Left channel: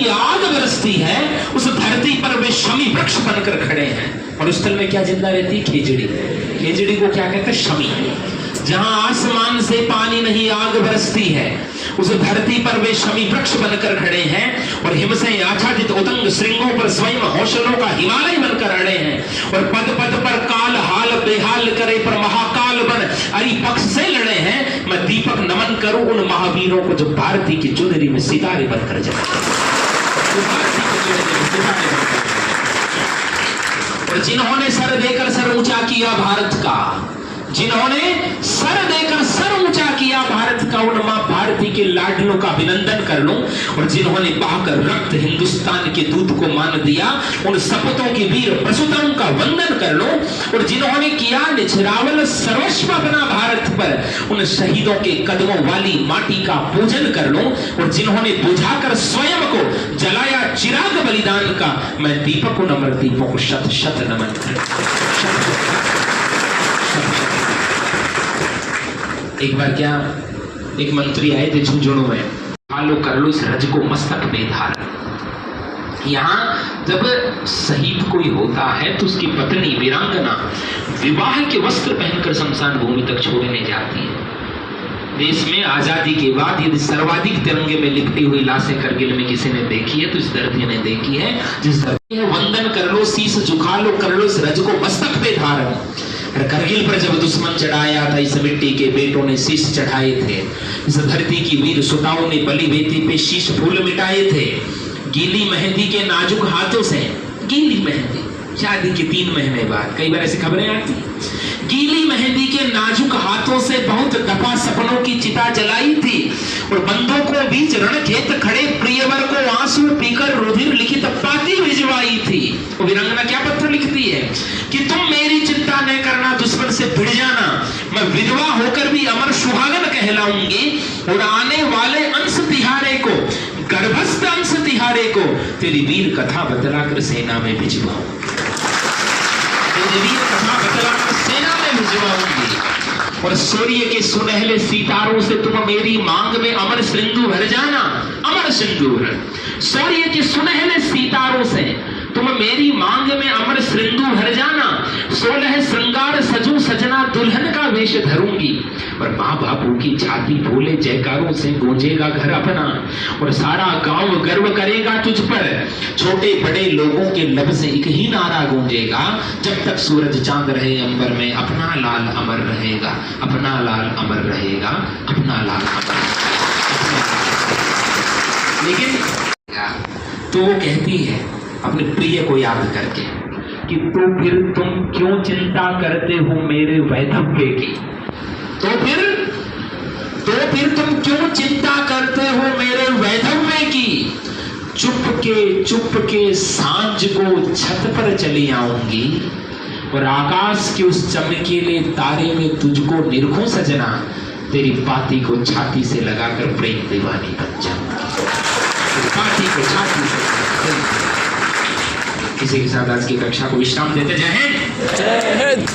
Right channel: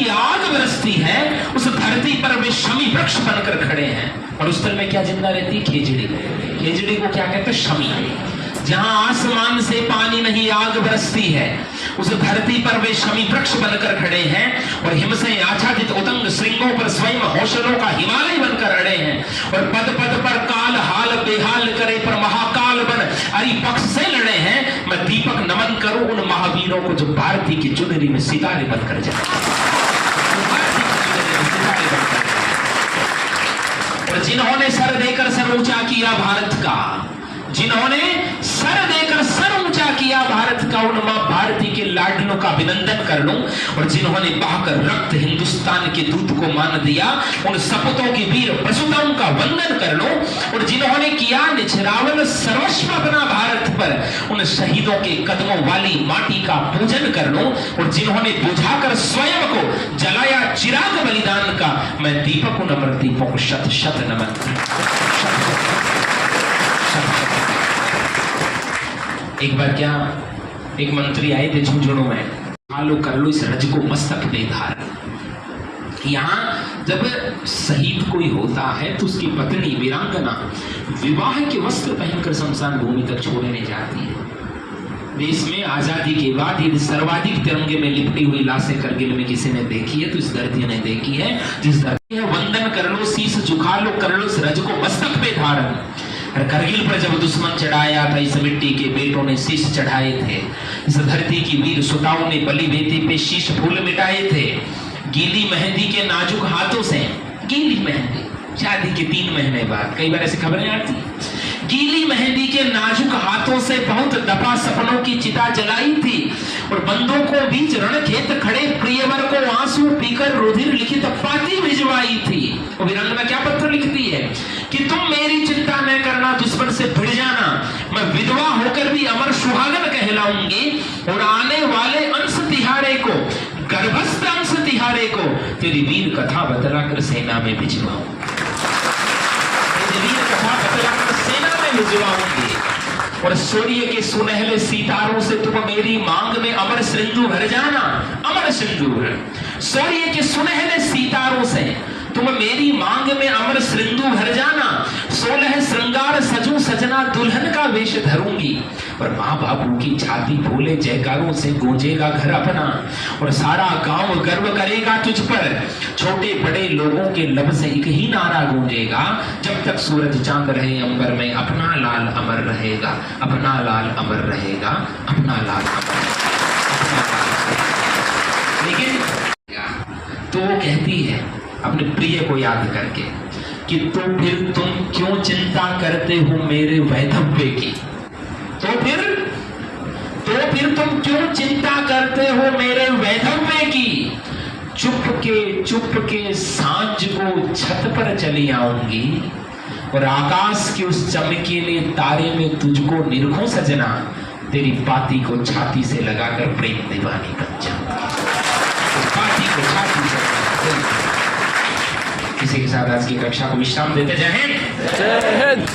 नहीं आग बरसती है, उस धरती पर वे शमी वृक्ष बनकर खड़े हैं। और उस स्थल में क्या जिंदा रहती है? खेजड़ी। खेजड़ी को क्या कहते हैं? शमी। जहां आसमान से पानी नहीं आग बरसती है, उस धरती पर वे शमी वृक्ष बनकर खड़े हैं और हिम से आच्छादित उदंग श्रृंगों पर स्वयं हौसलों का हिमालय बनकर अड़े हैं। और पद पद पर काल हाल बेहाल करे पर महाकाल बन अरि पक्ष से लड़े हैं। मैं दीपक नमन करूं उन महावीरों को जो भारती की चुनरी में सितारे बनकर जाए। और जिन्होंने सर देकर सर ऊंचा किया भारत का, जिन्होंने सर देकर सर ऊंचा किया भारत का, उन मां भारती के लाडलों का अभिनंदन कर लूं। और जिन्होंने बहाकर रक्त हिंदुस्तान के दूध को मान दिया, उन सपूतों की वीर प्रसूताओं का वंदन कर लूं। और जिन्होंने किया निछरावल सर्वस्व अपना भारत पर, उन शहीदों के कदमों वाली माटी का पूजन कर लूं। और जिन्होंने बुझाकर स्वयं को जलाया चिराग बलिदान का, मैं दीपक उन अमर दीपों को शत शत नमन कर। एक बार क्या एक मंत्री आए थे झुंझुनू में, आलो कर लो इस रज को मस्तक पे धार। यहाँ जब शहीद कोई होता है तो उसकी पत्नी वीरांगना विवाह के वस्त्र पहनकर शमशान भूमि तक छोड़ने जाती है। देश में आजादी के बाद यदि सर्वाधिक तिरंगे में लिपटी हुई लाशें करगिल में किसी ने देखी है तो इस धरती ने देखी है। जिस धरती है वंदन कर लो, शीश झुका लो, कर लो इस रज को मस्तक पे धारण। करगिल पर जब दुश्मन चढ़ाया था, इस मिट्टी के बेटों ने शीश चढ़ाए थे। इस धरती की वीर सुताओं ने बलि वेदी पे शीश फूल मिटाए थे। गीली मेहंदी के नाजुक हाथों से, गीली मेहंदी शादी के 3 महीने बाद, कई बार ऐसी खबरें आती, गीली मेहंदी के नाजुक हाथों से बहुत दफा सपनों की चिता जलाई थी। और बंदों को बीच रणखेत खड़े प्रियवर को आंसू पीकर रुधिर लिखित पाती भिजवाई थी। तो वीरांगना क्या पत्र लिखती है कि तुम मेरी चिंता न करना, दुश्मन से भिड़ जाना, मैं विधवा होकर भी अमर सुहागन कहलाऊंगी। और आने वाले अंश तिहारे को, गर्भस्थ अंश तिहारे को तेरी वीर कथा बतलाकर सेना में भिजवाऊं, तेरी वीर कथा बतलाकर सेना में भिजवाऊंगी। और सूर्य के सुनहले सितारों से तुम मेरी मांग में अमर सिंदूर भर जाना, अमर सिंदूर। सूर्य के सुनहले सितारों से तुम मेरी मांग में अमर सिंदूर भर जाना। 16 श्रृंगार सजू सजना दुल्हन का वेश धरूंगी। और माँ बापू की छाती फूले जयकारों से गूंजेगा घर अपना। और सारा गांव गर्व करेगा तुझ पर, छोटे बड़े लोगों के लब से एक ही नारा गूंजेगा, जब तक सूरज चांद रहे अंबर में अपना लाल अमर रहेगा, अपना लाल अमर रहेगा, अपना लाल अमर। लेकिन तो वो कहती है अपने प्रिय को याद करके कि तो फिर तुम क्यों चिंता करते हो मेरे वैधव्य की, तो फिर तुम क्यों चिंता करते हो मेरे वैधव्य की। चुप के सांझ को छत पर चली आऊंगी और आकाश के उस चमकीले तारे में तुझको निरखूं सजना, तेरी पाती को छाती से लगाकर प्रेम दीवानी बन जाऊंगी, पाती को छाती से। इसी के साथ आज की कक्षा को विश्राम देते। जय हिंद।